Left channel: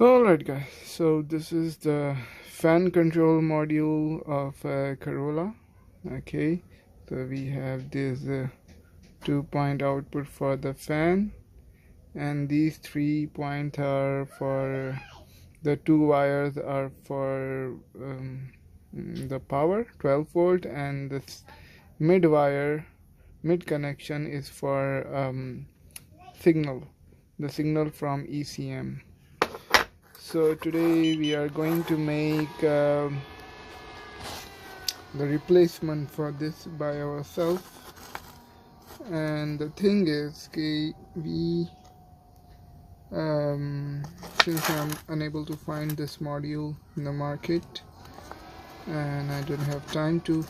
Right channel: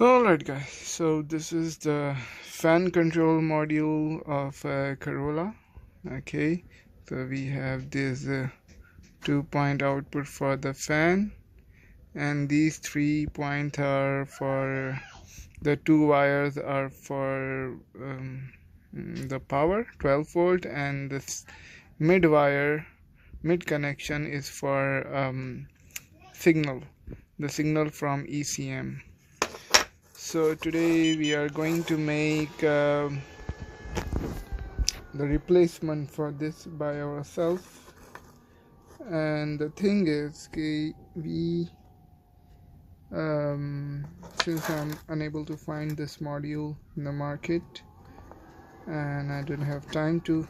Alright guys, so this is the fan control module of Corolla. Okay, so we have this 2-point output for the fan, and these 3 points are for the 2 wires are for the power 12 volt, and this mid connection is for the signal from ECM. So today we are going to make the replacement for this by ourselves. And the thing is, we since I'm unable to find this module in the market and I don't have time to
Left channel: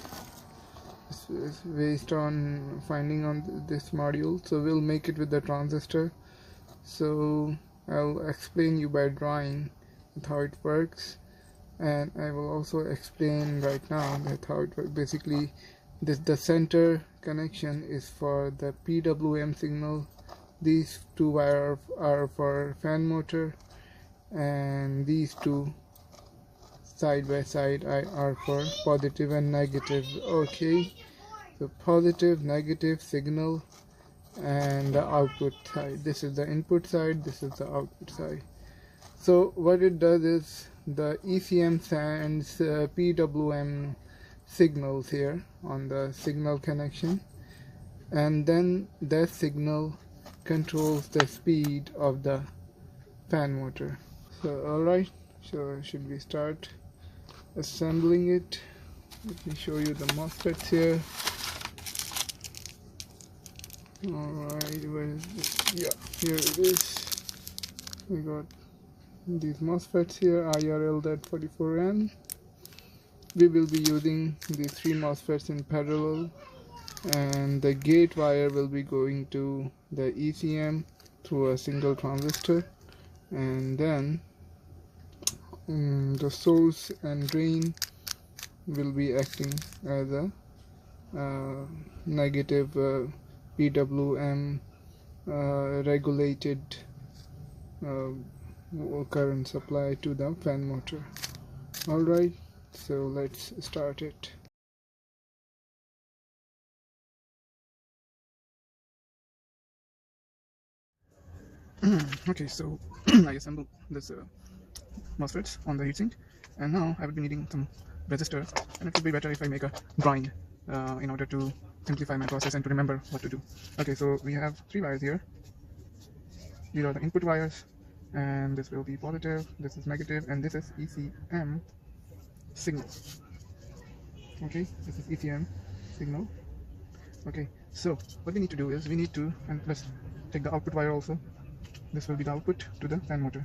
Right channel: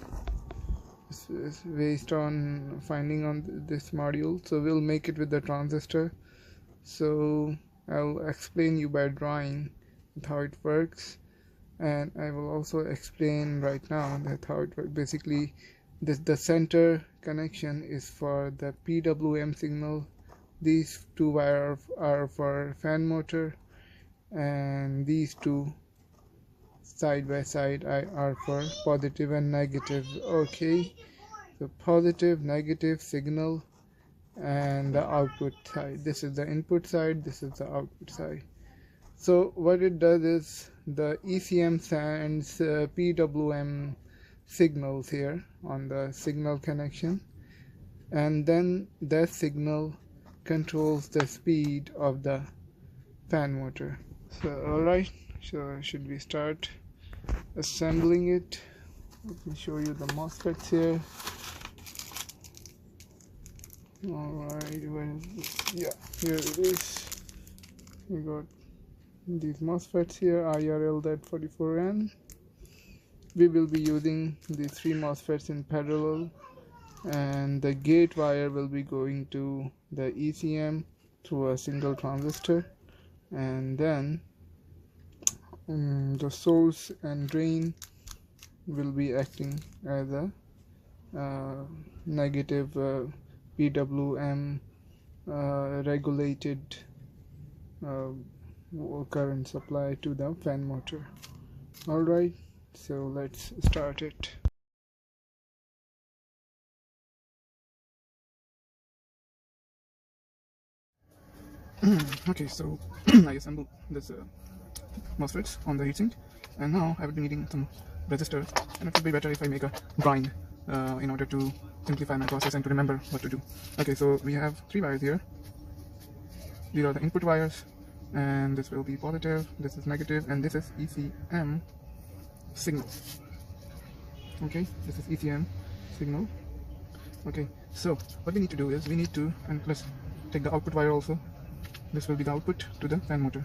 waste on finding on this module, so we'll make it with the transistor. So I'll explain you by drawing how it works, and I will also explain right now that how it works. Basically, the center connection is for the PWM signal. These 2 wires are for fan motor, and these 2 side by side are for positive and negative. Okay, so positive, negative signal, and the output side. This is the input side, this is the output side. So what it does is the ECM sends PWM signals here on the signal connection, and then that signal controls the speed of the fan motor. So alright, so should we start assembling it? Let me show you the MOSFETs here. Alright, where is it? Yeah, here it is. We got these MOSFETs here, IRL Z44n. We will be using these 3 MOSFETs in parallel, and the gate wire will be going to the ECM through a single transistor, and then the source and drain will be acting as a negative PWM regulated current supply to the fan motor. Alright, so let's start it. Okay, so I assembled this MOSFETs on the heatsink, and now I will be needing some resistors, and it would be better if I make a drawing in order to simplify my process and to remember what to do. Okay, so we have 3 wires here. These are the input wires, and this will be positive, this is negative, and this is ECM signal. Okay, this is ECM signal. Okay, so what we need to do is we need to, and let's take the output wire also. This will be the output to the fan motor.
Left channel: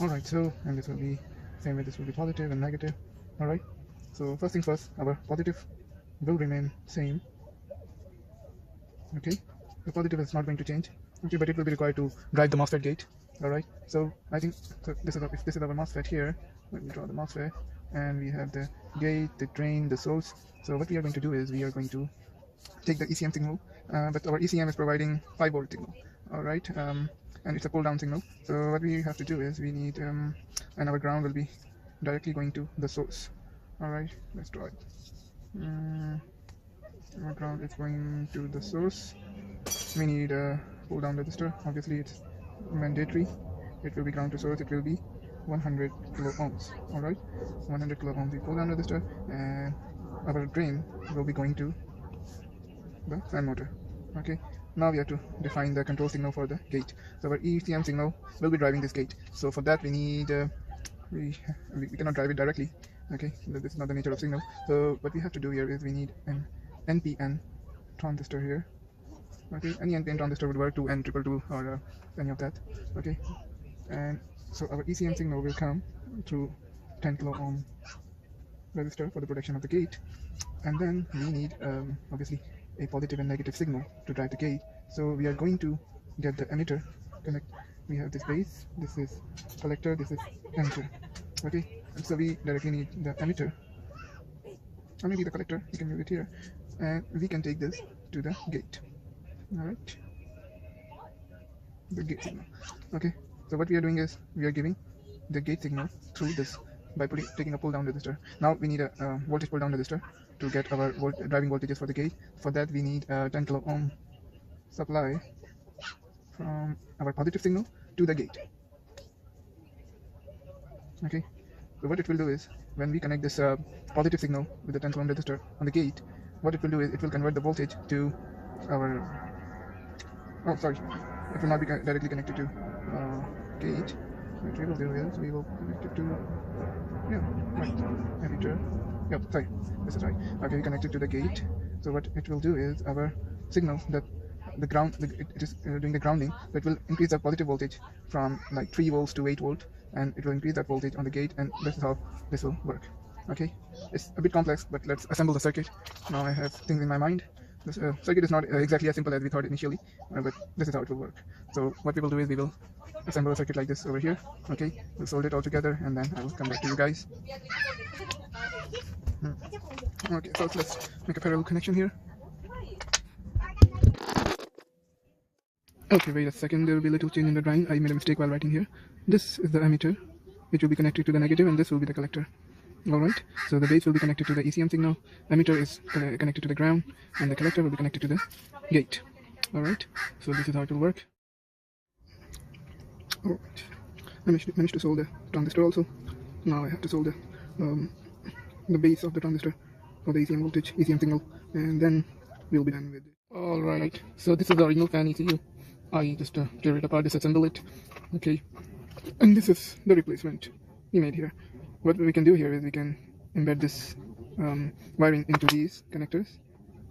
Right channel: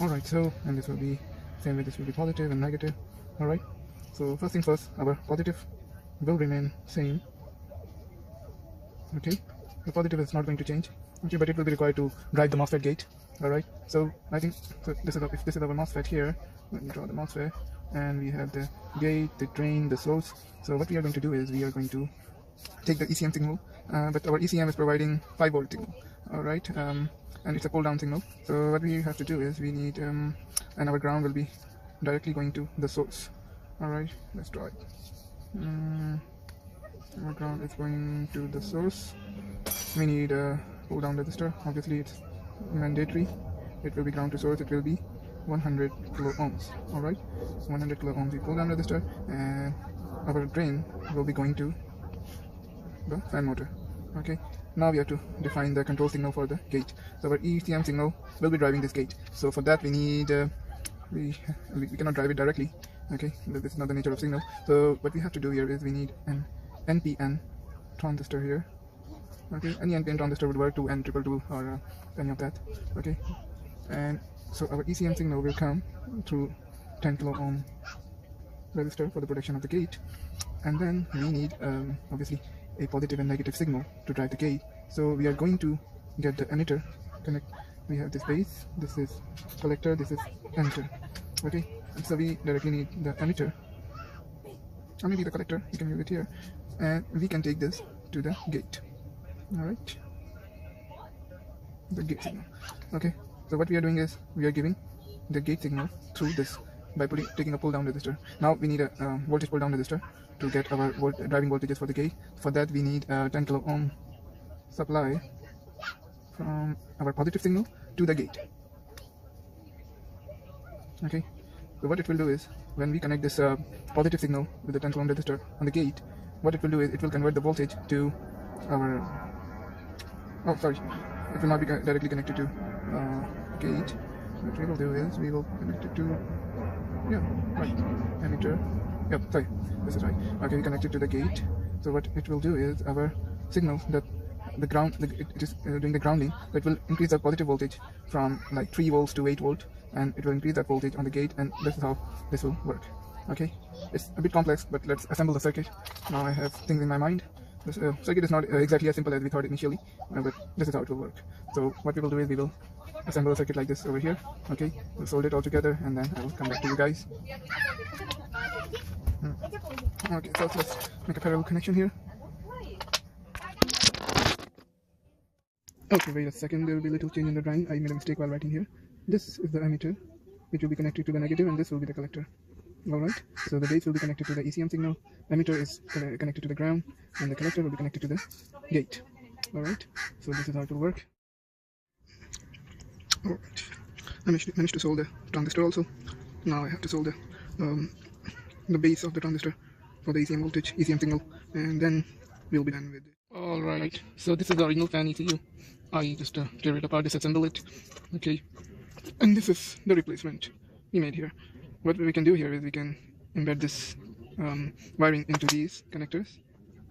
Alright, so, and this will be same way, this will be positive and negative. Alright, so first things first, our positive will remain same. Okay, the positive is not going to change. Okay, but it will be required to drive the MOSFET gate. Alright, so I think so this is our MOSFET here. Let me draw the MOSFET, and we have the gate, the drain, the source. So what we are going to do is we are going to take the ECM signal, but our ECM is providing 5 volt signal. Alright, and it's a pull down signal. So what we have to do is we need and our ground will be directly going to the source. Alright, let's draw it. Our ground is going to the source. We need a pull down resistor. Obviously it's mandatory. It will be ground to source. It will be 100 kilo ohms. Alright, 100 kilo ohms is pull down resistor, and our drain will be going to the fan motor. Okay, now we have to define the control signal for the gate. So our ECM signal will be driving this gate. So for that we need we cannot drive it directly. Okay, this is not the nature of signal. So what we have to do here is we need an NPN transistor here. Okay, any NPN transistor would work, 2N222 or any of that. Okay, and so our ECM signal will come through 10 kilo ohm resistor for the protection of the gate, and then we need obviously a positive and negative signal to drive the gate. So we are going to get the emitter connect. We have this base, this is collector, this is emitter. Okay, so we directly need the emitter, or maybe the collector, you can leave it here, and we can take this to the gate. Alright, the gate signal. Okay, so what we are doing is we are giving the gate signal through this by taking a pull down resistor. Now we need a voltage pull down resistor to get our driving voltages for the gate. For that we need a 10 kilo ohm supply from our positive signal to the gate. Okay, so what it will do is when we connect this positive signal with the 10 kilo ohm resistor on the gate, what it will do is it will convert the voltage to our it will not be directly connected to gate. What we will do is we will connect it to emitter. This is right. Okay, we connect it to the gate. So what it will do is our signal that the ground, it is doing the grounding, that will increase the positive voltage from like 3 volts to 8 volt, and it will increase that voltage on the gate, and this is how this will work. Okay, it's a bit complex, but let's assemble the circuit. Now I have things in my mind. This circuit is not exactly as simple as we thought initially, but this is how it will work. So what we will do is we will assemble a circuit like this over here. Okay, we'll solder it all together, and then I will come back to you guys. Okay, so let's make a parallel connection here. Okay, wait a second, there will be a little change in the drawing. I made a mistake while writing here. This is the emitter, which will be connected to the negative, and this will be the collector. Alright, so the base will be connected to the ECM signal, emitter is connected to the ground, and the collector will be connected to the gate. Alright, so this is how it will work. Alright, I managed to solve the transistor also. Now I have to solve the base of the transistor for the ECM voltage, ECM signal, and then we'll be done with it. Alright, so this is the original fan ECU. I just tear it apart, disassemble it. Okay, and this is the replacement we made here. What we can do here is we can embed this wiring into these connectors,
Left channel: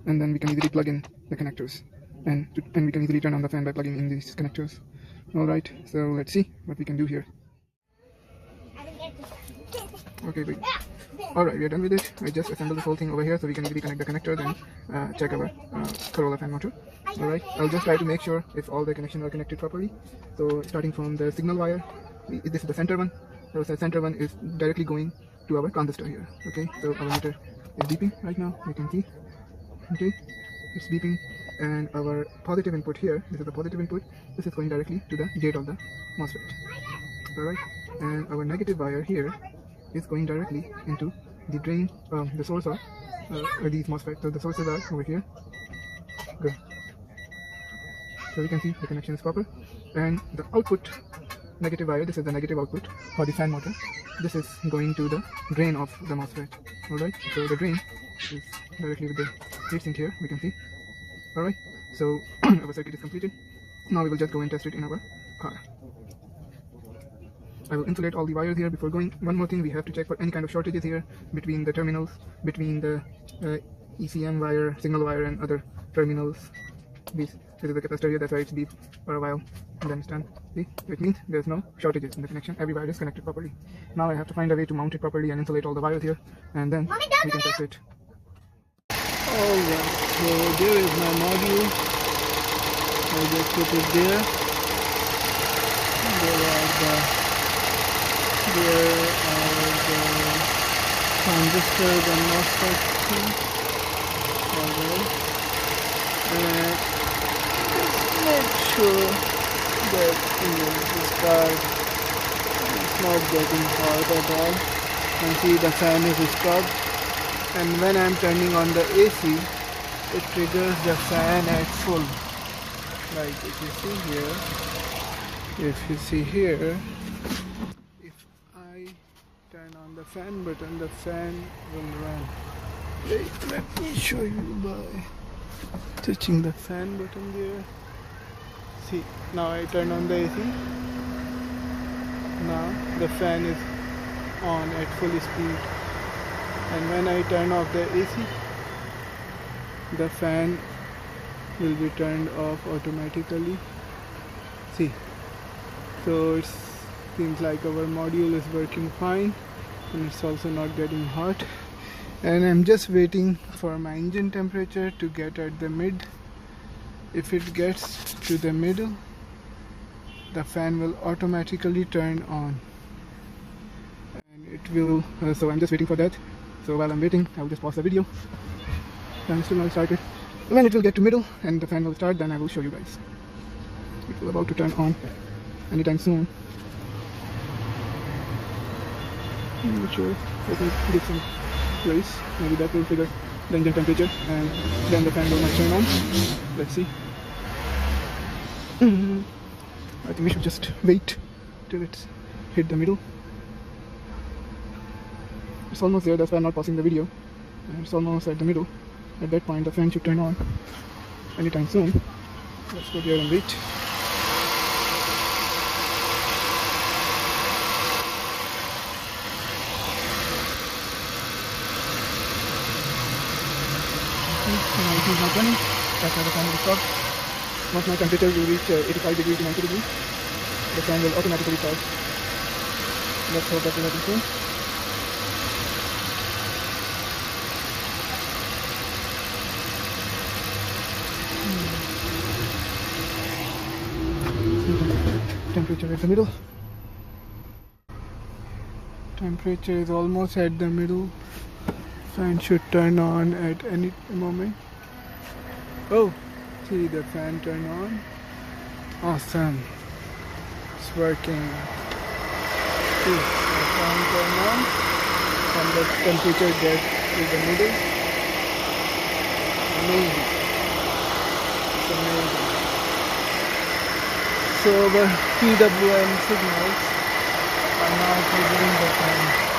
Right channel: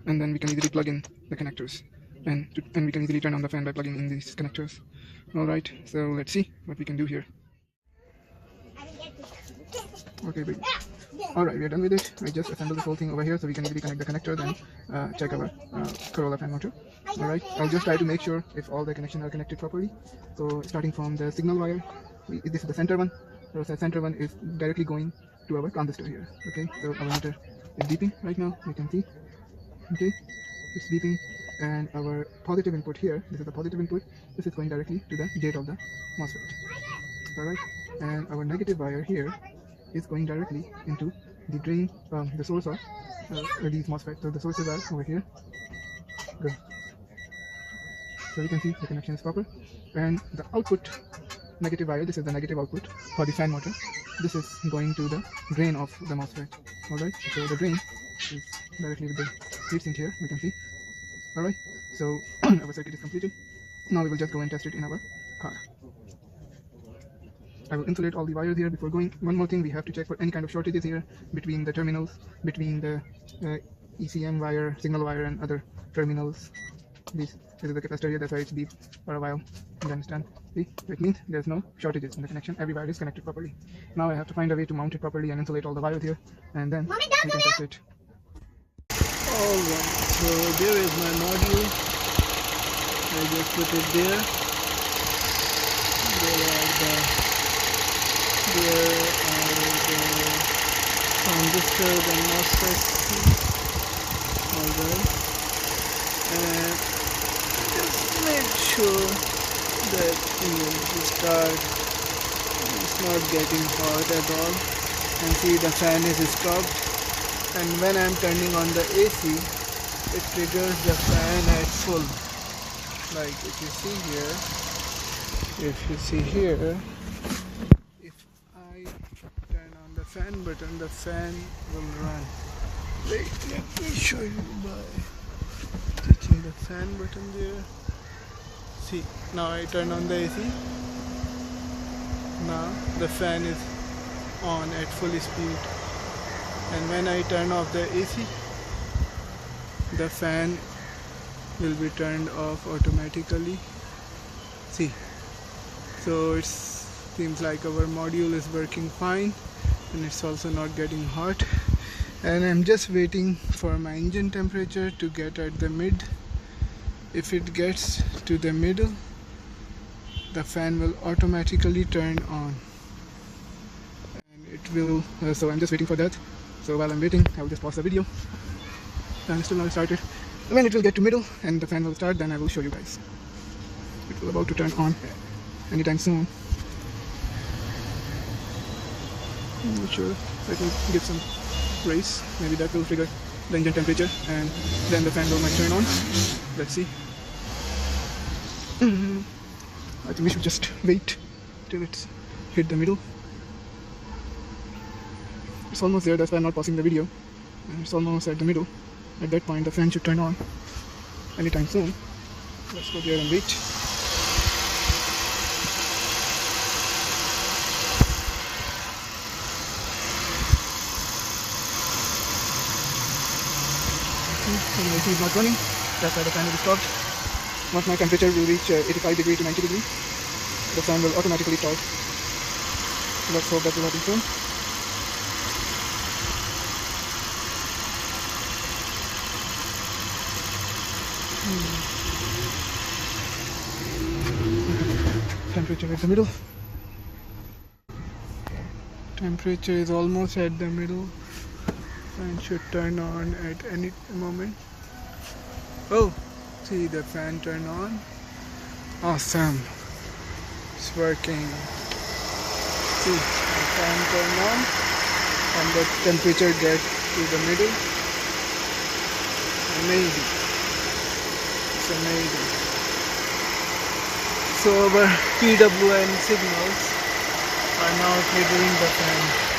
and then we can easily plug in the connectors, and we can easily turn on the fan by plugging in these connectors. Alright, so let's see what we can do here. Okay, good. Alright, we are done with it. We just assembled this whole thing over here so we can easily connect the connector, then check our Corolla fan motor. Alright, I'll just try to make sure if all the connections are connected properly. So starting from the signal wire, this is the center one. Now the center one is directly going to our transistor here. Okay, so our meter is beeping right now, you can see. Okay, it's beeping, and our positive input here, this is the positive input, this is going directly to the gate of the MOSFET. Alright, and our negative wire here is going directly into the drain, the source of these MOSFETs. So the sources are over here. Good. So you can see the connection is proper, and the output negative wire, this is the negative output for the fan motor. This is going to the drain of the MOSFET. Alright, so the drain is directly with the receipt here, we can see. Alright, so our circuit is completed. Now we will just go and test it in our car. I will insulate all the wires here before going. One more thing, we have to check for any kind of shortages here between the terminals, between the ECM wire, signal wire, and other terminals. This is the capacitor here, that's why it's deep for a while, and then it's done. See, it means there's no shortages in the connection, every wire is connected properly. Now I have to find a way to mount it properly and insulate all the wires here, and then we can test it. Alright, so there is my module. I just put it there. There are the transistors and MOSFETs. Alright, and just make sure that the start is not getting hot at all. And see, the fan is stopped, and when I am turning on the AC, it triggers the fan at full. Like if you see here, if I turn on the fan button, the fan will run. Wait, let me show you by touching the fan button there. See, now I turn on the AC. Now the fan is on at full speed, and when I turn off the AC, the fan will be turned off automatically. See, so it seems like our module is working fine, and it's also not getting hot. And I'm just waiting for my engine temperature to get at the mid. If it gets to the middle, the fan will automatically turn on, and it will so I'm just waiting for that. So while I'm waiting, I will just pause the video and still not started. When it will get to middle and the fan will start, then I will show you guys. It's about to turn on anytime soon. I'm not sure. I can give some raise. Maybe that will trigger the engine temperature and then the fan will turn on. Let's see. I think we should just wait till it's hit the middle. It's almost there, that's why I'm not pausing the video. And it's almost at the middle. At that point the fan should turn on anytime soon. Let's go there and wait. So my AC is not running, that's why the fan will stop. Once my temperature will reach 85 degree to 90 degree, the fan will automatically start. Let's hope that will happen so. Temperature at the middle. Temperature is almost at the middle. Fan should turn on at any moment. Oh, see the fan turn on. Awesome. It's working. See the fan turn on and the temperature gets to the middle. Amazing. It's amazing. So our PWM signals are now triggering the fan.